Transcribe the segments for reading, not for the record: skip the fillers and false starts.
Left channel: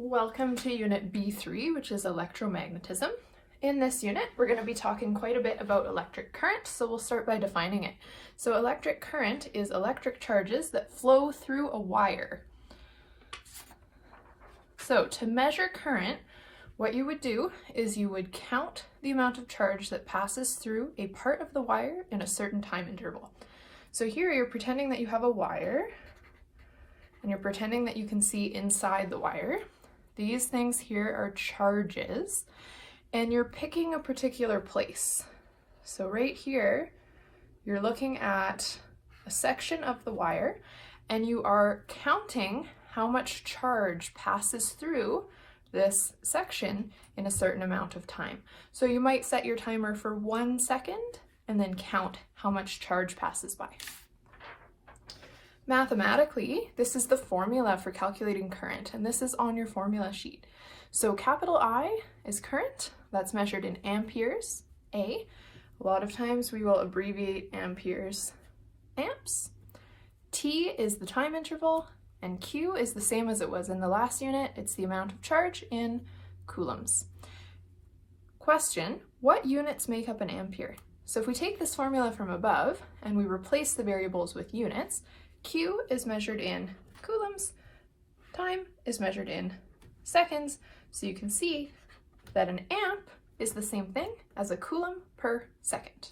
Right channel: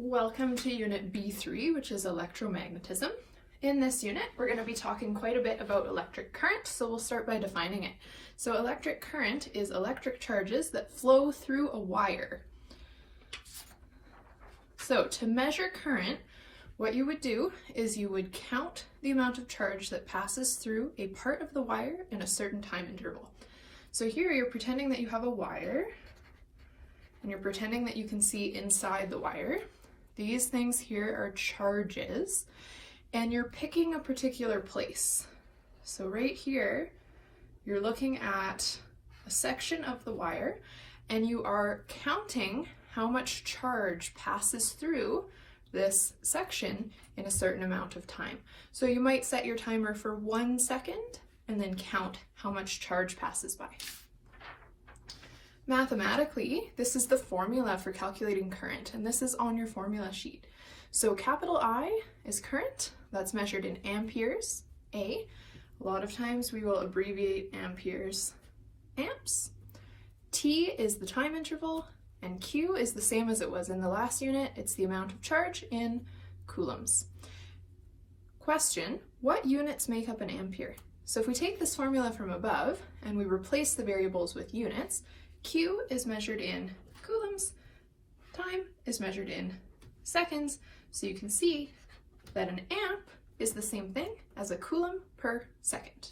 Welcome to Unit B3, which is electromagnetism. In this unit, we're going to be talking quite a bit about electric current, so we'll start by defining it. So electric current is electric charges that flow through a wire. So to measure current, what you would do is you would count the amount of charge that passes through a part of the wire in a certain time interval. So here you're pretending that you have a wire, and you're pretending that you can see inside the wire. These things here are charges, and you're picking a particular place. So right here, you're looking at a section of the wire, and you are counting how much charge passes through this section in a certain amount of time. So you might set your timer for 1 second, and then count how much charge passes by. Mathematically, this is the formula for calculating current, and this is on your formula sheet. So capital I is current, that's measured in amperes, A. A lot of times we will abbreviate amperes, amps. T is the time interval, and Q is the same as it was in the last unit. It's the amount of charge in coulombs. Question, what units make up an ampere? So if we take this formula from above and we replace the variables with units, Q is measured in coulombs, time is measured in seconds, so you can see that an amp is the same thing as a coulomb per second.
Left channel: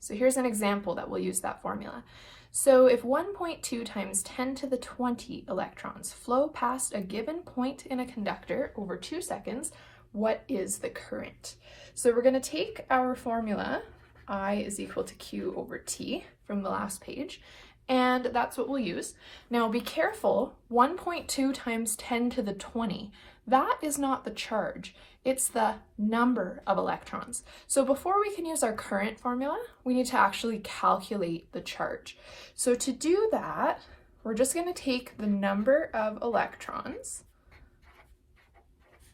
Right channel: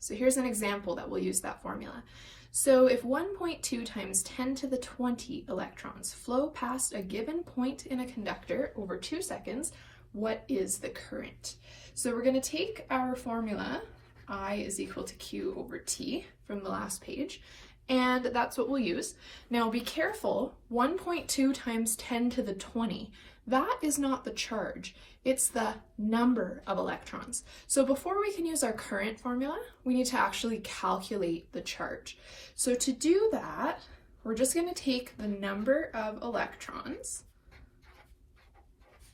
So here's an example that will use that formula. So if 1.2 times 10 to the 20 electrons flow past a given point in a conductor over 2 seconds, what is the current? So we're going to take our formula, I is equal to Q over T, from the last page, and that's what we'll use. Now be careful, 1.2 times 10 to the 20, that is not the charge, it's the number of electrons. So before we can use our current formula, we need to actually calculate the charge. So to do that, we're just going to take the number of electrons,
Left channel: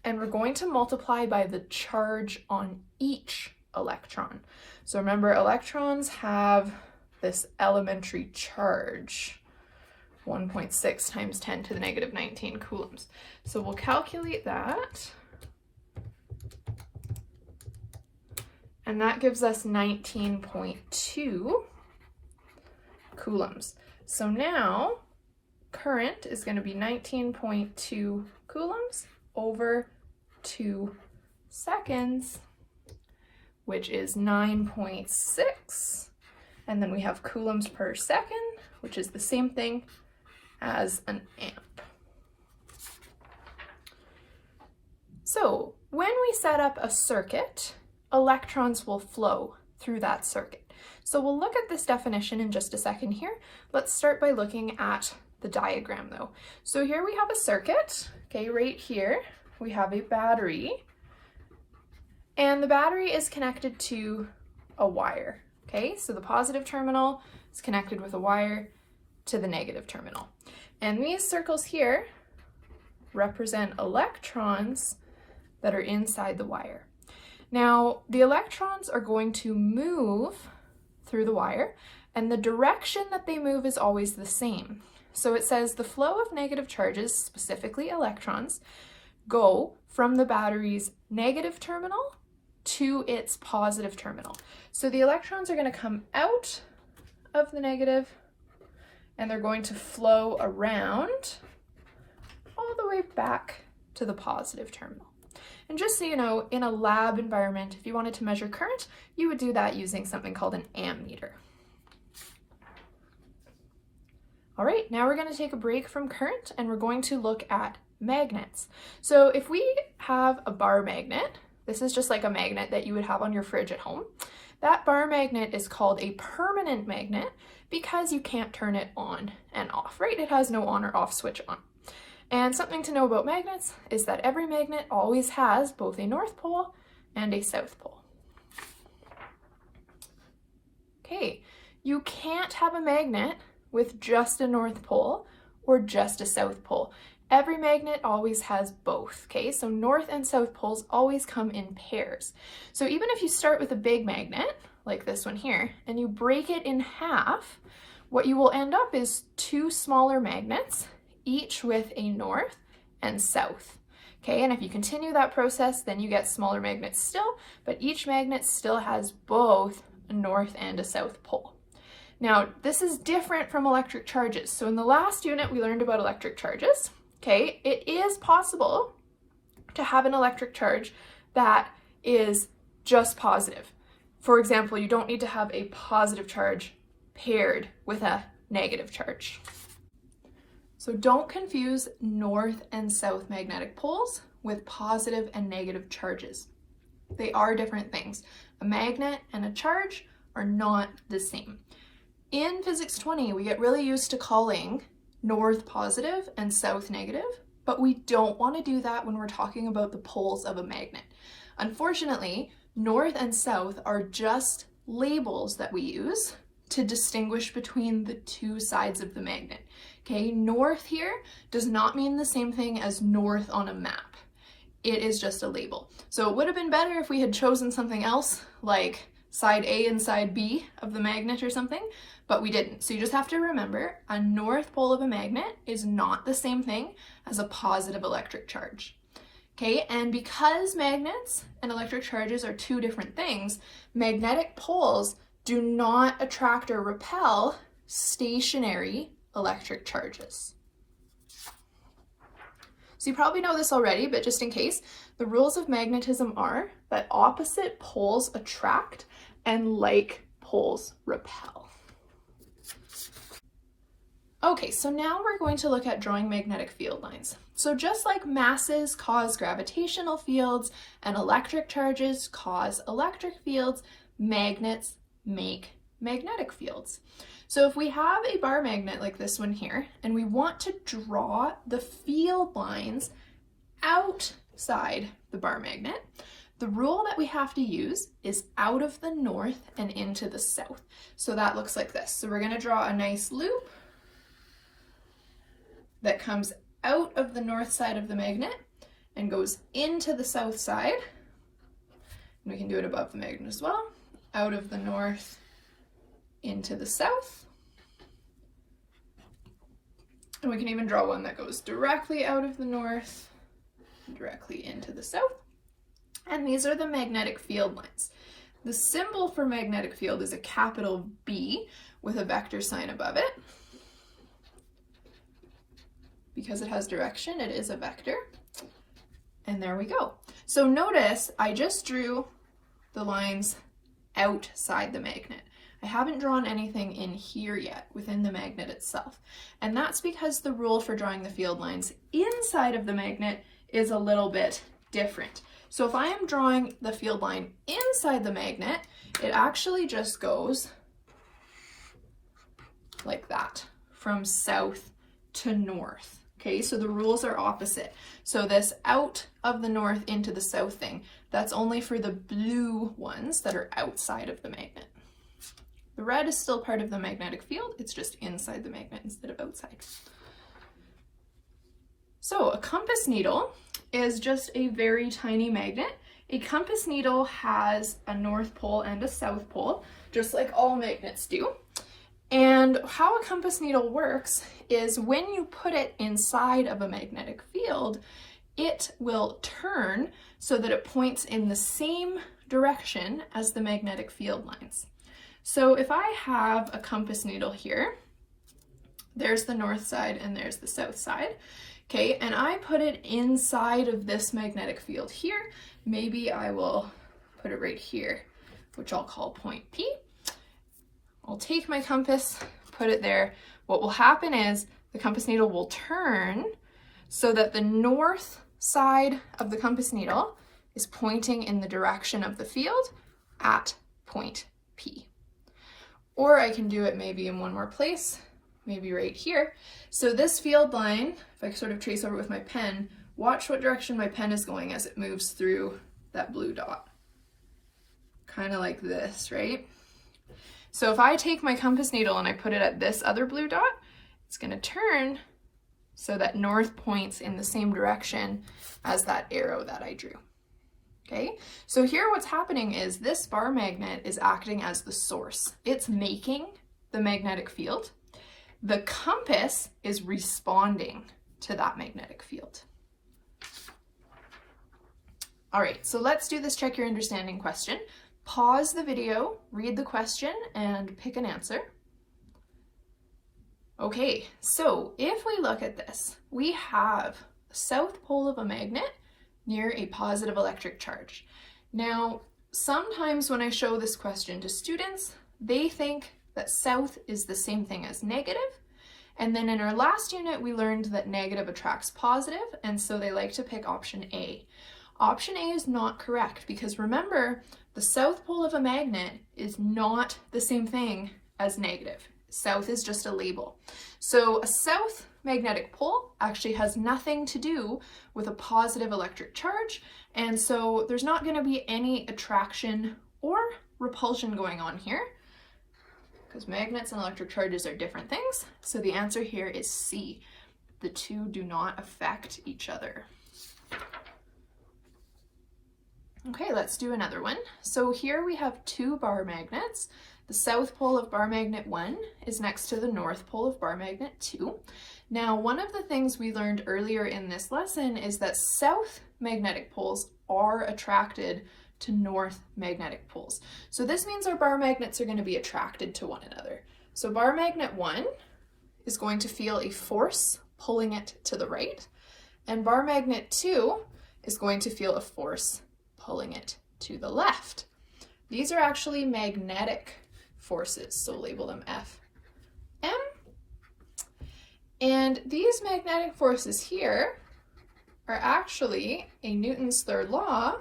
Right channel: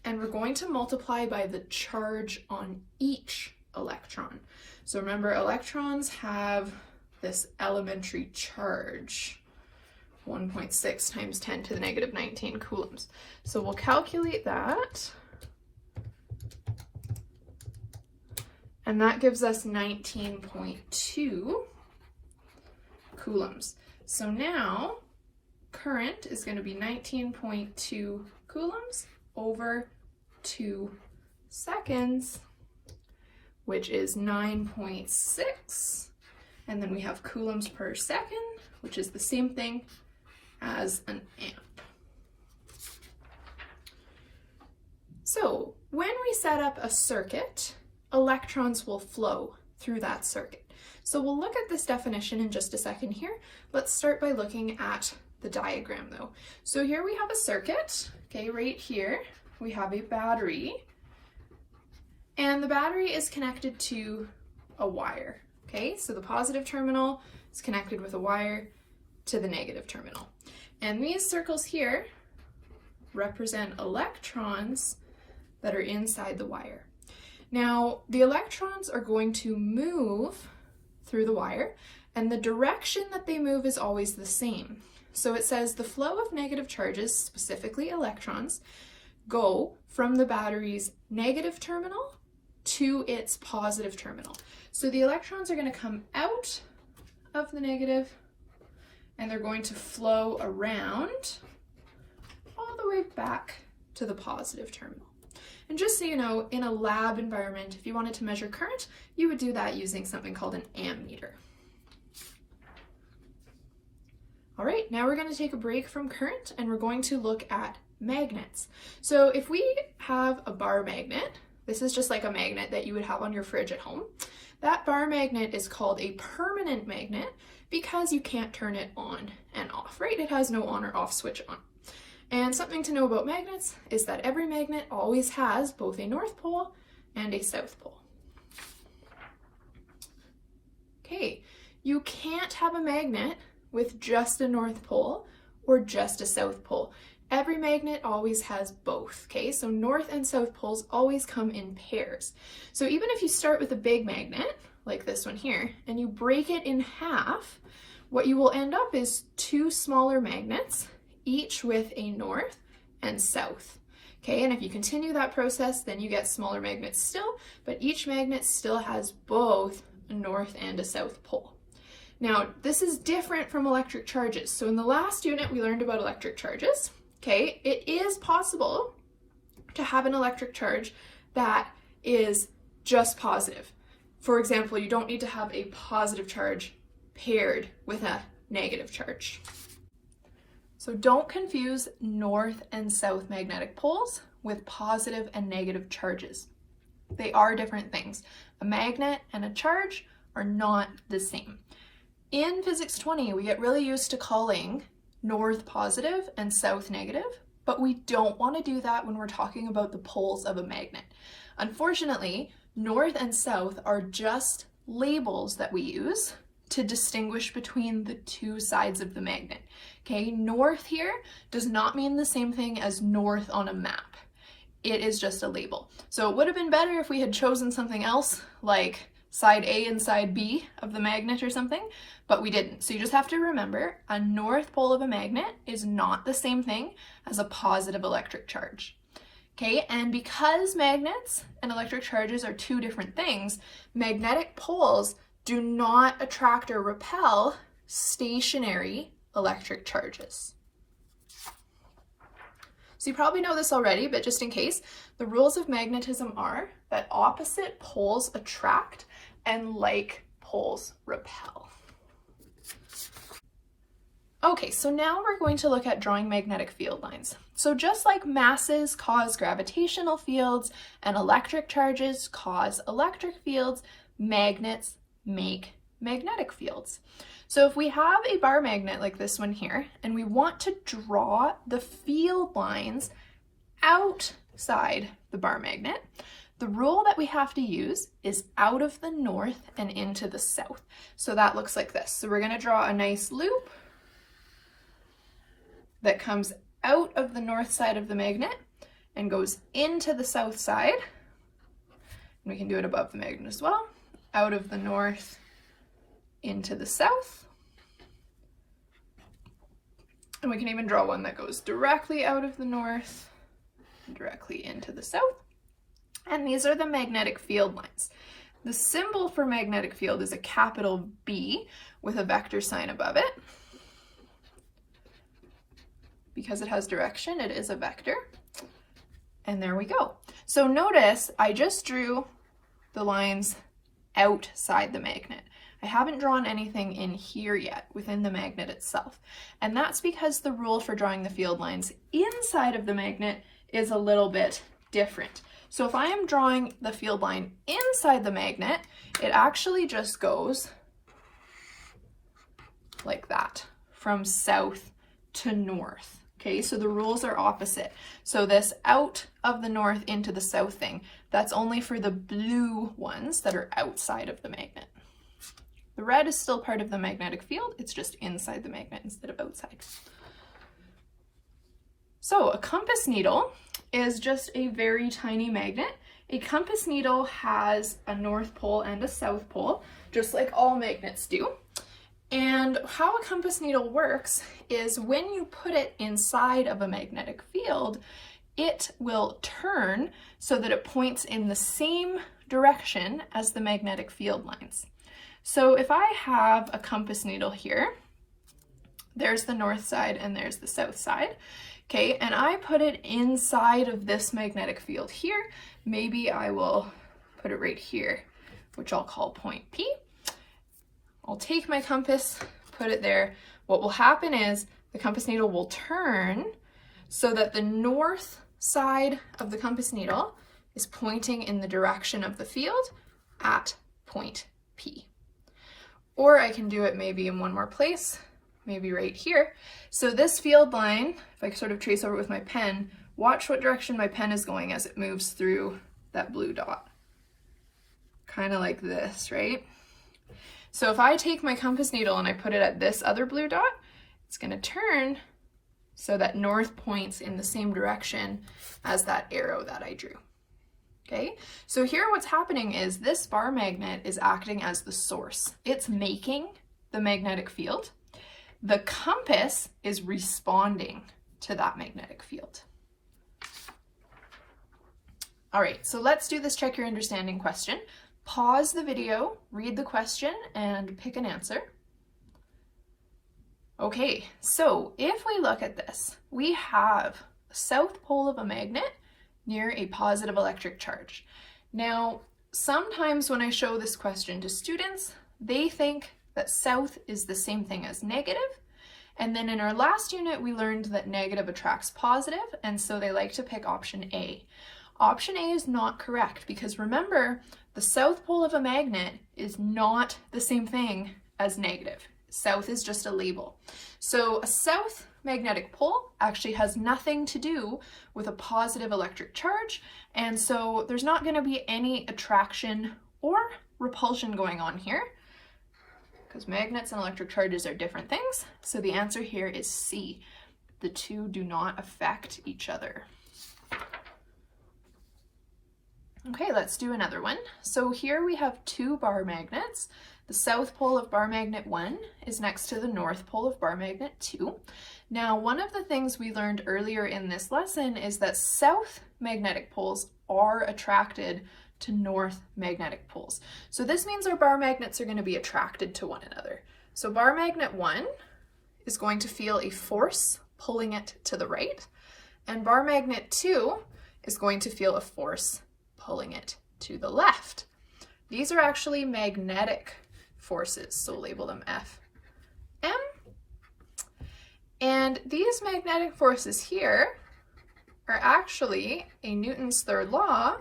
and we're going to multiply by the charge on each electron. So remember, electrons have this elementary charge, 1.6 times 10 to the negative 19 coulombs. So we'll calculate that, and that gives us 19.2 coulombs. So now current is going to be 19.2 coulombs over 2 seconds, which is 9.6. And then we have coulombs per second, which is the same thing as an amp. So when we set up a circuit, electrons will flow through that circuit. So we'll look at this definition in just a second here. Let's start by looking at the diagram though. So here we have a circuit, okay, right here we have a battery, and the battery is connected to a wire. Okay, so the positive terminal is connected with a wire to the negative terminal. And these circles here represent electrons that are inside the wire. Now, the electrons are going to move through the wire, and the direction that they move is always the same. So it says the flow of negative charges, specifically electrons, go from the battery's negative terminal to its positive terminal. So the electrons are going to come out of the negative, and they're going to flow around all the way back to the positive terminal. And just so you know, in a lab environment, if you wanted to measure current, you would do that using something called an ammeter. All right, now we're going to take a break from current, and we're going to look at magnets. So if we have a bar magnet, this is just like a magnet that you would have on your fridge at home. That bar magnet is called a permanent magnet because you can't turn it on and off, right? It has no on or off switch on. And something to know about magnets is that every magnet always has both a north pole and a south pole. Okay, you can't have a magnet with just a north pole or just a south pole. Every magnet always has both, okay? So north and south poles always come in pairs. So even if you start with a big magnet, like this one here, and you break it in half, what you will end up is 2 smaller magnets, each with a north and south. Okay, and if you continue that process, then you get smaller magnets still, but each magnet still has both a north and a south pole. Now, this is different from electric charges. So in the last unit, we learned about electric charges. Okay, it is possible to have an electric charge that is just positive. For example, you don't need to have a positive charge paired with a negative charge. So don't confuse north and south magnetic poles with positive and negative charges. They are different things. A magnet and a charge are not the same. In Physics 20, we get really used to calling north positive and south negative, but we don't want to do that when we're talking about the poles of a magnet. Unfortunately, north and south are just labels that we use to distinguish between the two sides of the magnet. Okay, north here does not mean the same thing as north on a map. It is just a label. So it would have been better if we had chosen something else like side A and side B of the magnet or something, but we didn't. So you just have to remember a north pole of a magnet is not the same thing as a positive electric charge. Okay, and because magnets and electric charges are two different things, magnetic poles do not attract or repel stationary electric charges. So you probably know this already, but just in case, the rules of magnetism are that opposite poles attract and like poles repel. Okay, so now we're going to look at drawing magnetic field lines. So just like masses cause gravitational fields and electric charges cause electric fields, magnets make magnetic fields. So if we have a bar magnet like this one here, and we want to draw the field lines outside the bar magnet, the rule that we have to use is out of the north and into the south. So that looks like this. So we're going to draw a nice loop that comes out of the north side of the magnet and goes into the south side. And we can do it above the magnet as well. Out of the north into the south. And we can even draw one that goes directly out of the north, directly into the south. And these are the magnetic field lines. The symbol for magnetic field is a capital B with a vector sign above it. Because it has direction, it is a vector. And there we go. So notice I just drew the lines outside the magnet. I haven't drawn anything in here yet within the magnet itself. And that's because the rule for drawing the field lines inside of the magnet is a little bit different. So if I am drawing the field line inside the magnet, it actually just goes like that, from south to north. Okay, so the rules are opposite. So this out of the north into the south thing, that's only for the blue ones that are outside of the magnet. The red is still part of the magnetic field, it's just inside the magnet instead of outside. So a compass needle is just a very tiny magnet. A compass needle has a north pole and a south pole, just like all magnets do. And how a compass needle works is when you put it inside of a magnetic field, it will turn so that it points in the same direction as the magnetic field lines. So if I have a compass needle here, there's the north side and there's the south side, okay, and I put it inside of this magnetic field here, maybe I will put it right here, which I'll call point P. I'll take my compass, put it there. What will happen is the compass needle will turn so that the north side of the compass needle is pointing in the direction of the field at point P. Or I can do it maybe in one more place, maybe right here. So this field line, if I sort of trace over with my pen, watch what direction my pen is going as it moves through that blue dot. Kind of like this, right? So if I take my compass needle and I put it at this other blue dot, it's going to turn so that north points in the same direction as that arrow that I drew. Okay, so here what's happening is this bar magnet is acting as the source. It's making the magnetic field. The compass is responding to that magnetic field. All right, so let's do this check your understanding question. Pause the video, read the question, and pick an answer. Okay, so if we look at this, we have the south pole of a magnet near a positive electric charge. Now, sometimes when I show this question to students, they think that south is the same thing as negative. And then in our last unit, we learned that negative attracts positive, and so they like to pick option A. Option A is not correct because remember, the south pole of a magnet is not the same thing as negative. South is just a label. So a south magnetic pole actually has nothing to do with a positive electric charge, and so there's not going to be any attraction or repulsion going on here because magnets and electric charges are different things. So the answer here is C. The two do not affect each other. Okay, let's do another one. So here we have two bar magnets. The south pole of bar magnet 1 is next to the north pole of bar magnet 2. Now, one of the things we learned earlier in this lesson is that south magnetic poles are attracted to north magnetic poles. So this means our bar magnets are going to be attracted to one another. So bar magnet 1 is going to feel a force pulling it to the right, and bar magnet 2 is going to feel a force pulling it to the left. These are actually magnetic forces, so label them F, M. And these magnetic forces here are actually a Newton's third law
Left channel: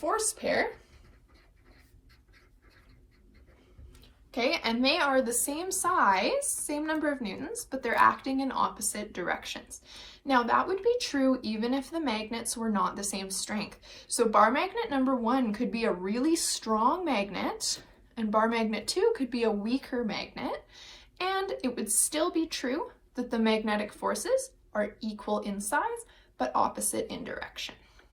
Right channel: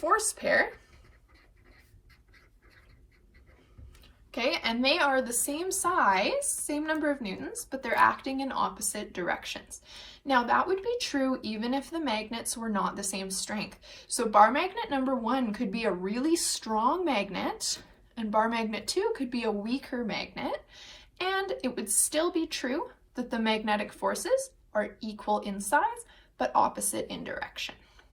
force pair. Okay, and they are the same size, same number of newtons, but they're acting in opposite directions. Now that would be true even if the magnets were not the same strength. So bar magnet number 1 could be a really strong magnet, and bar magnet 2 could be a weaker magnet, and it would still be true that the magnetic forces are equal in size, but opposite in direction.